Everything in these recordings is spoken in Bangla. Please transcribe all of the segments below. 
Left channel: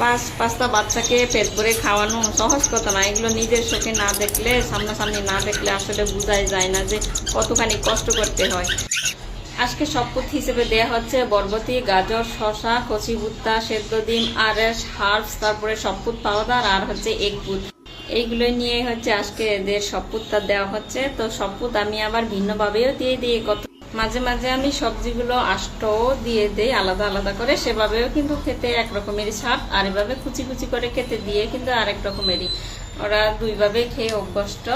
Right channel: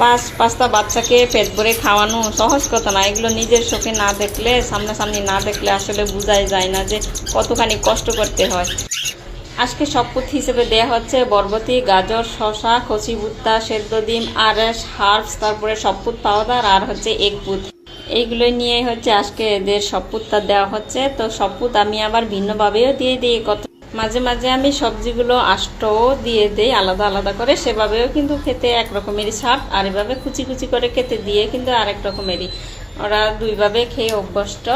পাঁচটা বাচ্চাকে পেট ভরে খাওয়ানো সহজ কথা না। এগুলো নিজের চোখে না দেখলে, সামনাসামনি না দেখলে আসলে বোঝাই যায় না যে কতখানি কষ্ট করতে হয়। আজকে শপথ হিসেবে দেয়া হচ্ছে বরবটি, গাজর, শসা, কচি ভুট্টা, সেদ্ধ ডিম, আরএস, হার্বস, তারপরে শপথ পাউডার আর হচ্ছে এগ বুট। এইগুলো নিয়ে হচ্ছে আজকে এদের শপথটা দেওয়া হচ্ছে। তো শপথ আমি আবার ভিন্নভাবেও দিয়ে দিই, কত মাঝে মাঝে আমি সবজিগুলো আষ্টও দিয়ে দিই আলাদা আলাদা করে, সেভাবেও কিন্তু খেতে এক রকমেরই স্বাদ, আর এভাবে কুচি কুচি করে খেতে দিয়ে কিন্তু আরেক রকমেরই। ওরা দুইভাবে খেয়ে অভ্যস্ত।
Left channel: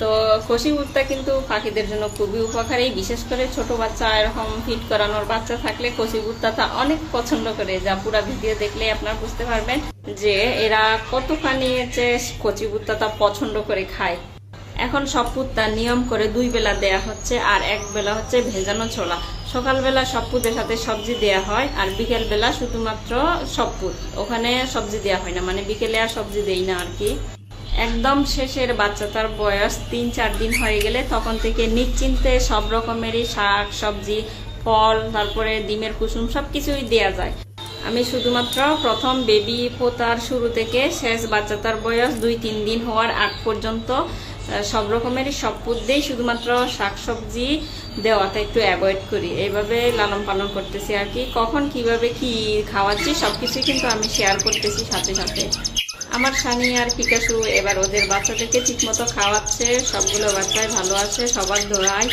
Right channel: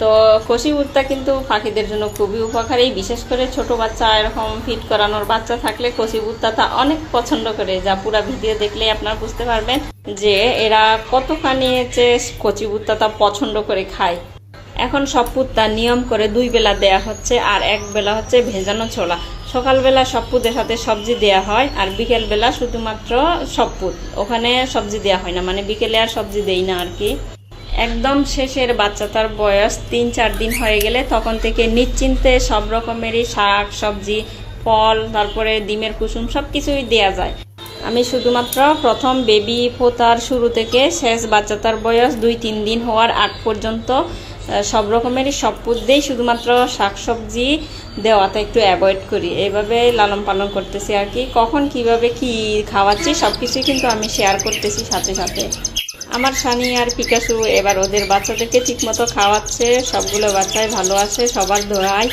তো কষি ভুট্টা কিন্তু পাখিদের জন্য খুবই উপকারী, বিশেষ করে ছোট বাচ্চা, এরকম ফিট করানোর বাচ্চা থাকলে কষি ভুট্টাটা অনেক পছন্দ করে, যা পুরা ভিডিও দেখলে আপনারা বুঝতে পারবেন যে এরা কতখানি যে কচি ভুট্টাটা পছন্দ করে খায়। এখন শপথটা নিয়ম করে 2 বেলা দেয়া হচ্ছে, আর 1 বেলা হচ্ছে ভেজানো ছোলা। সকালবেলা শপথের সাথে সবজি দেয়া হয়, আর বিকেল বেলা শুধুমাত্র শপথ, ওখানে সবজি দেয়া হয় না, মানে বিকেলে আর সবজি দেই না আর কি। একদম শেষের বাচ্চাটার বয়স 3-4 দিন হয়ে গেলে তখন থেকে নিশ্চিন্তে সব রকমেরই শাক সবজি, ফল, তারপরে ডিমের কুসুম সবকিছুই দেয়া যায়। আমি শুধুমাত্র প্রথম বেবি ফোটার শুরু থেকে শেষ বাচ্চাটার বয়স 2-3 দিন হওয়ার আগ পর্যন্ত সব রকমেরই শপথ দিই, শুধুমাত্র শাকসবজি দেওয়াটা একটু অ্যাভয়েড করি। এইভাবে লালন পালন করতেছি আর কি। কখন কিভাবে কি খাওয়াচ্ছি সবকিছুই কিন্তু আমি শেয়ার করতেছি সাথে সাথে। আমার সানি আর পিকাসু এবার ওদের বাচ্চাদেরকে ঠিকমতো খাওয়াচ্ছে, সবগুলো বাচ্চাই ভালো আছে, সবার দোয়ায়।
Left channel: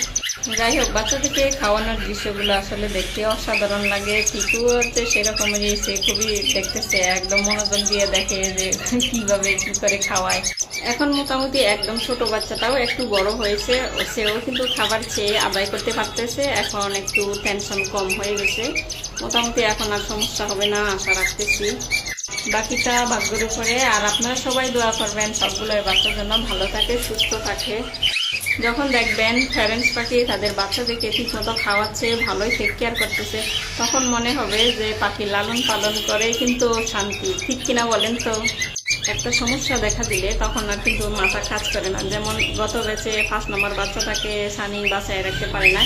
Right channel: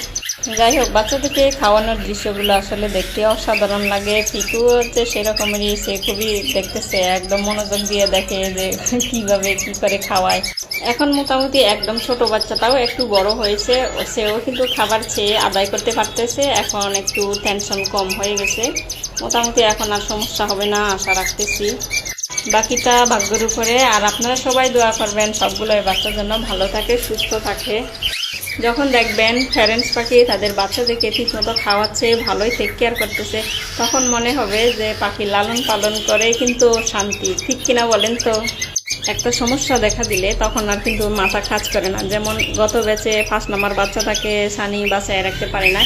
যাই হোক, বাচ্চাদেরকে খাওয়ানোর দৃশ্যগুলো আসলে দেখতে অসাধারণ লাগে। পিকু হচ্ছে সেরকমেরই, সে খুবই দেখতেছে, একদম মনোযোগ দিয়ে দেখে যে কিভাবে কি করে খাওয়ায়। এখন মোটামুটি একদম ছোট বাচ্চাটাও একটু বড় হয়েছে, সেও কিন্তু খাবার খেয়ে আদায় করতে পারতেছে, এখন একটু টেনশন কম হয়ে গেছে। মোটামুটি এখন আর সমস্যা হবে না আশা রাখতেছি। বাকিটা ভাগ্যের উপরে। আর আপনারা সবাই দোয়া করবেন সবগুলো বাচ্চার জন্য ভালো থাকে, সুস্থ থাকে। যখন দেখবেন প্যারেন্টস পাখি তাদের বাচ্চাদেরকে ঠিকমতো খাওয়াচ্ছে, ভালোই টেক কেয়ার করতেছে, তখন মনে হবে যে পাখি লালন পালন করে কিন্তু শান্তি। ঠিক কিনা বলেন তো? একটা সমস্যা দেখা দিলে তখন আর কিন্তু মাথা কাজ করে না। যেমন গত ব্যাচে 1 নম্বর বাচ্চাটাকে সানি বাসায় রাখতে পারে না।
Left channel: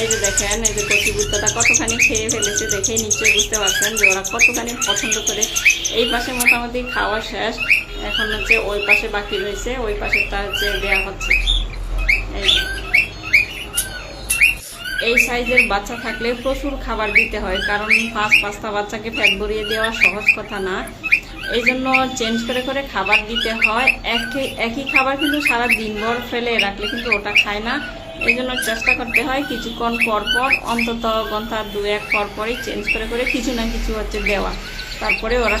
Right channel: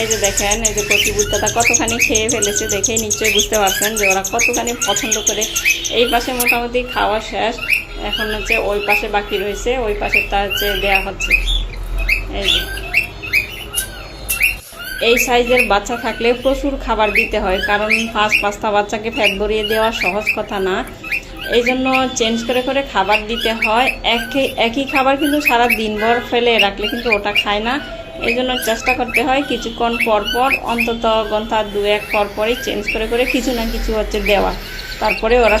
এই যে দেখেন, এই যে কচি ভুট্টাটা কতখানি খেয়ে ফেলেছে, দেখে নিশ্চয়ই বুঝতে পারছেন যে ওরা কতখানি পছন্দ করে। এই পাশে মোটামুটি খাওয়া শেষ, এখন হচ্ছে ওই পাশে বাকি রয়েছে, ওই পাশেরটা হচ্ছে দেওয়া হচ্ছে। এই সাইজের বাচ্চা থাকলে প্রচুর খাবার দিতে হয়, কারণ 5-5টা বাচ্চাকে ফ্যাট ভরিয়ে দেওয়া সহজ কথা না। এই জন্য চেঞ্জ করে করে খাবার দিতে হয়। একই খাবার কিন্তু সারা দিনভর ফেলে রাখলে কিন্তু ওটা খায় না। এই জন্য চেষ্টা করতে হয় কিছুক্ষণ পর পর, অন্তত ঘন্টা 2-1 পর পরই চেঞ্জ করে করে কিছু না কিছু হচ্ছে দেওয়া, তারপরে ওরা